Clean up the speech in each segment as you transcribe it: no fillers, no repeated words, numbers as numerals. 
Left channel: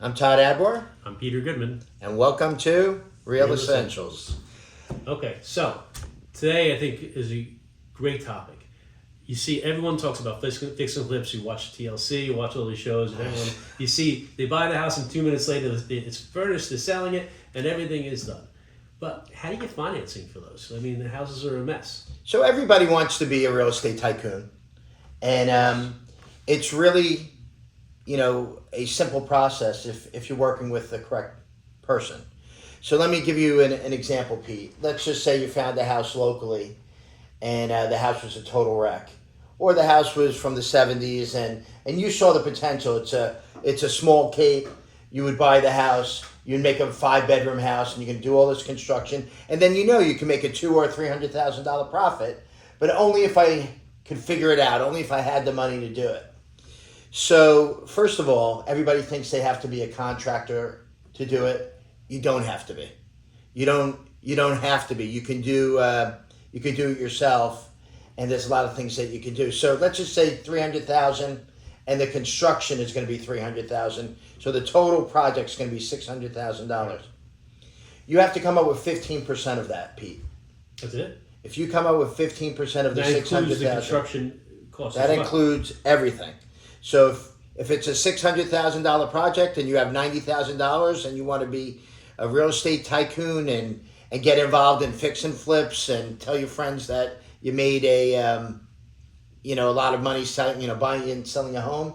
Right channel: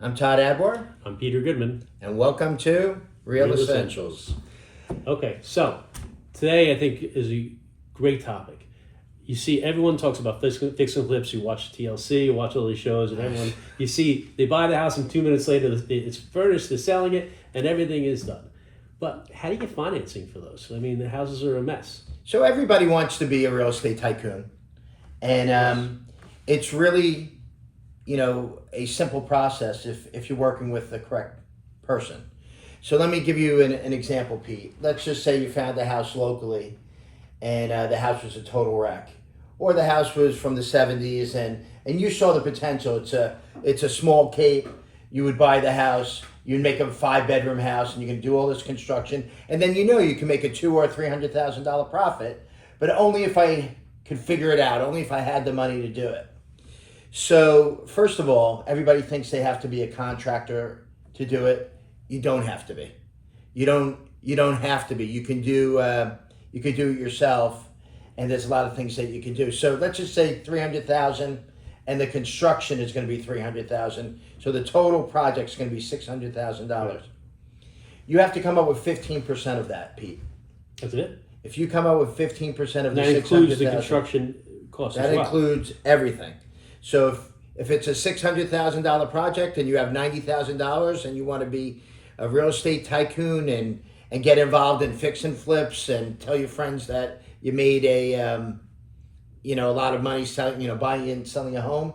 I'm Todd Adbor, I'm Peter Goodman. and welcome to Real Essentials. Okay, so today I think is a great topic. You see, everyone talks about fix and flips. You watch TLC, you watch all these shows, and everyone, you see, they buy the house and 2 minutes later it's furnished, they're selling it, and everything is done. But how do you get financing for those? I mean, the houses are a mess. So everybody wants to be a real estate tycoon, and it's really, a simple process if you're working with the correct person. So let me give you an example, Pete. Let's just say you found a house locally, and the house was a total wreck, or the house was from the 70s, and you saw the potential. It's a small cape. You would buy the house. You'd make a 5-bedroom house, and you can do all this construction, and then you can make a $200,000 or $300,000 profit, but only if I could figure it out, only if I had the money to do it. So first of all, everybody thinks they have to be a contractor to do it. You don't have to be. You don't have to be. You can do it yourself, and there's a lot of things that you can do. So let's just say $300,000, and the construction is going to be $300,000. So the total project is going to be $600,000. You have to come up with 15% of that, Pete. That's it? If you come up with 15% of the That includes the $600,000, construction cost that as well. includes everything. So if it's a $600,000 project and you have $90,000 and you want to be a real estate tycoon and get involved in fix and flips and tell your friends that you made a lot of money selling, buying and selling a home,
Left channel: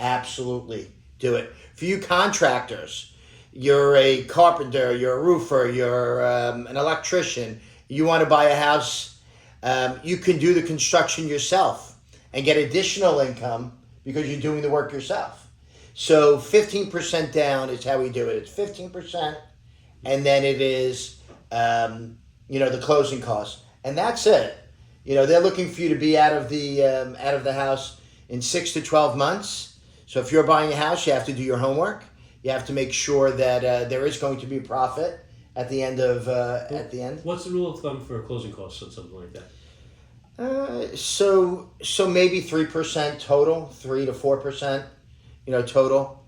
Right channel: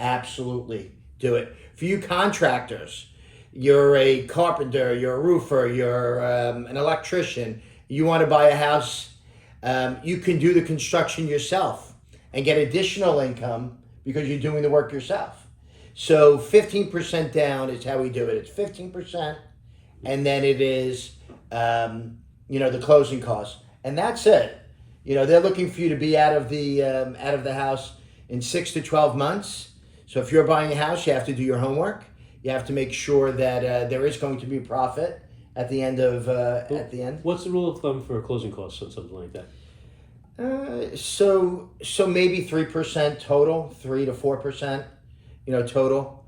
absolutely do it. For you contractors, you're a carpenter, you're a roofer, you're an electrician, you want to buy a house, you can do the construction yourself and get additional income because you're doing the work yourself. So 15% down is how we do it. It's 15%, and then it is, the closing costs, and that's it. They're looking for you to be out of the house in 6 to 12 months. So if you're buying a house, you have to do your homework. You have to make sure that there is going to be a profit at the end of What's the rule of thumb for closing costs on something like that? So maybe 3% total, 3 to 4%, total.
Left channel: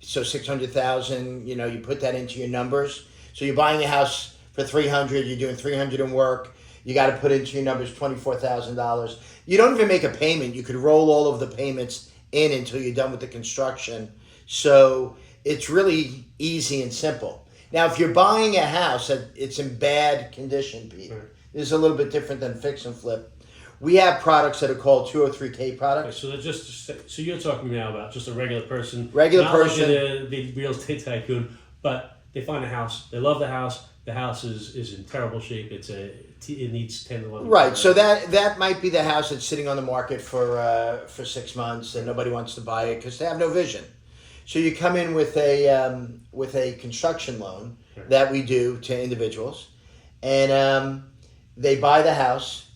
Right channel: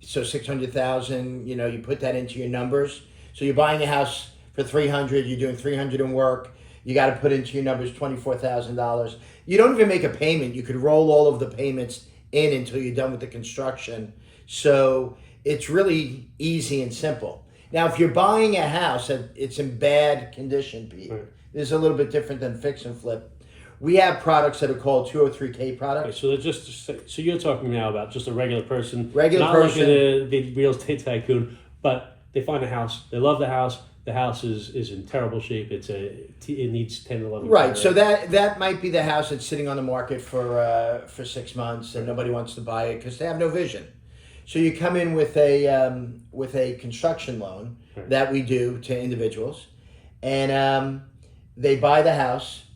So 600,000, you put that into your numbers. So you're buying a house for 300, you're doing 300 in work. You got to put into your numbers $24,000. You don't even make a payment. You could roll all of the payments in until you're done with the construction. So it's really easy and simple. Now, if you're buying a house that it's in bad condition, Pete, Right. It's a little bit different than fix and flip. We have products that are called 203K products. Okay, so you're talking now about just a regular person, not like the real estate tycoon, but they find a house, they love the house is in terrible shape. It needs 10, 11. Right. So that might be the house that's sitting on the market for 6 months and nobody wants to buy it because they have no vision. So you come in with a construction loan that we do to individuals, and they buy the house.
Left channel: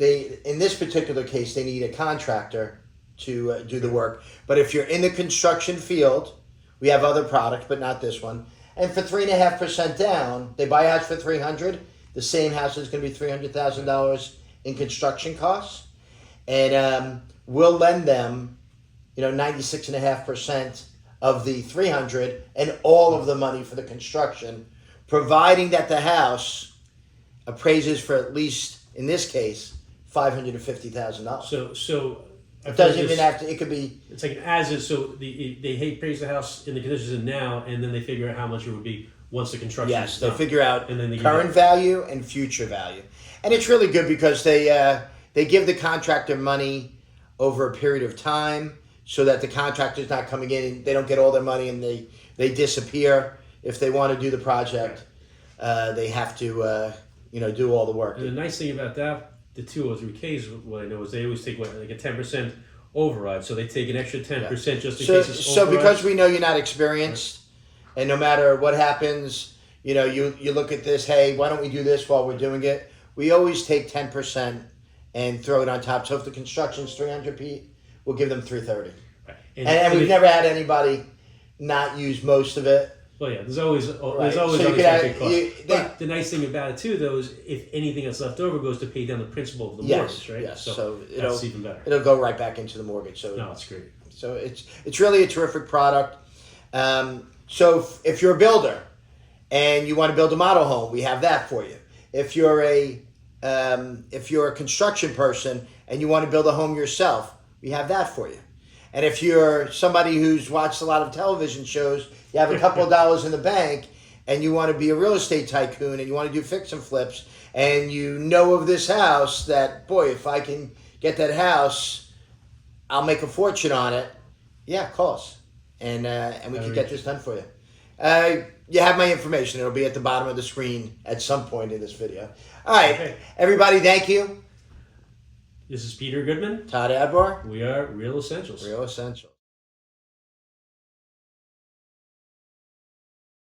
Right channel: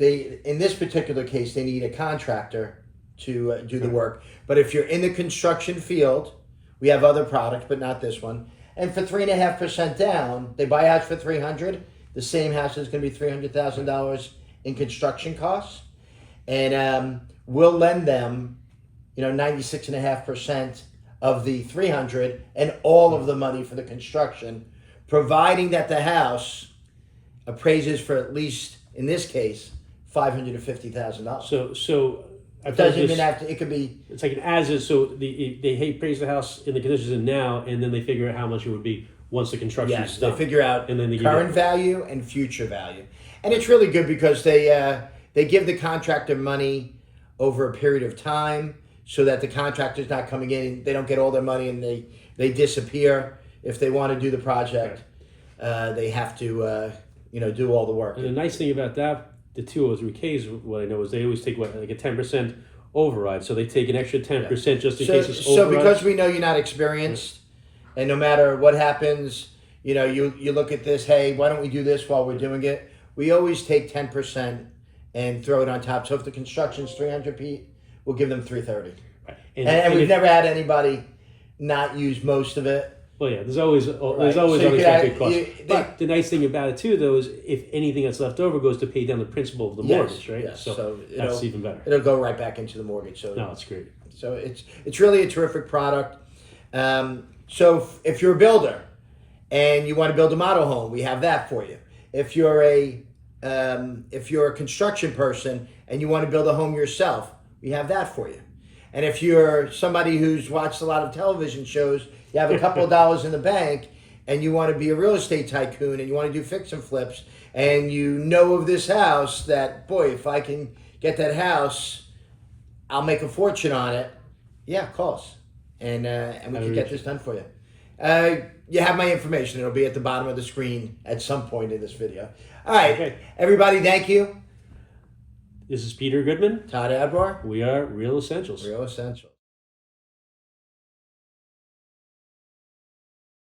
In this particular case, they need a contractor to do the work. But if you're in the construction field, we have other products, but not this one. And for 3.5% down, they buy a house for $300,000. The same house is going to be $300,000 in construction costs, and we'll lend them, 96.5% of the $300,000 and all of the money for the construction, providing that the house appraises for at least, in this case, $550,000. So it doesn't even have to. It could be. It's like an as is. So they appraise the house in the conditions in now, and then they figure out how much it would be once the construction is done. They figure out and then they current value and future value, and it's really good because they give the contractor money over a period of time, so that the contractor's not coming in. They don't get all their money and they disappear. If they want to do the project, they have to do all the work. And the nice thing about that, the 203Ks, what I know is they always take like a 10% override. So they take an extra 10% just in case it's override. So because we know you're not experienced, and no matter what happens, you look at this, hey, why don't we do this while we're doing it? We always take 10% and throw it on top. So if the construction's 300 Pete, we'll give them 330. Right. And we've never had anybody not use most of it. Well, yeah, there's always So unexpected costs. But the nice thing about it too, though, is if anything that's left over goes to pay down the principal of the mortgage, right? Yes. So that's even better. It'll go right back into the mortgage. So no, it's great. So it's really a terrific product. So if you're a builder and you want to build a model home, we have that for you. If you're a construction person and you want to build a home yourself, we have that for you. And if you're somebody who's watched a lot of television shows, you have a couple of dollars in the bank and you want to be a real estate tycoon and you want to do fix and flips, and you know of this house that, boy, if I can get that house, I'll make a fortune on it. Yeah, call us. And we can get this done for you. You have my information. It'll be at the bottom of the screen at some point in this video. All right. Okay. Everybody, thank you. This is Peter Goodman. Todd Adbar. We are Real Essentials. Real Essentials.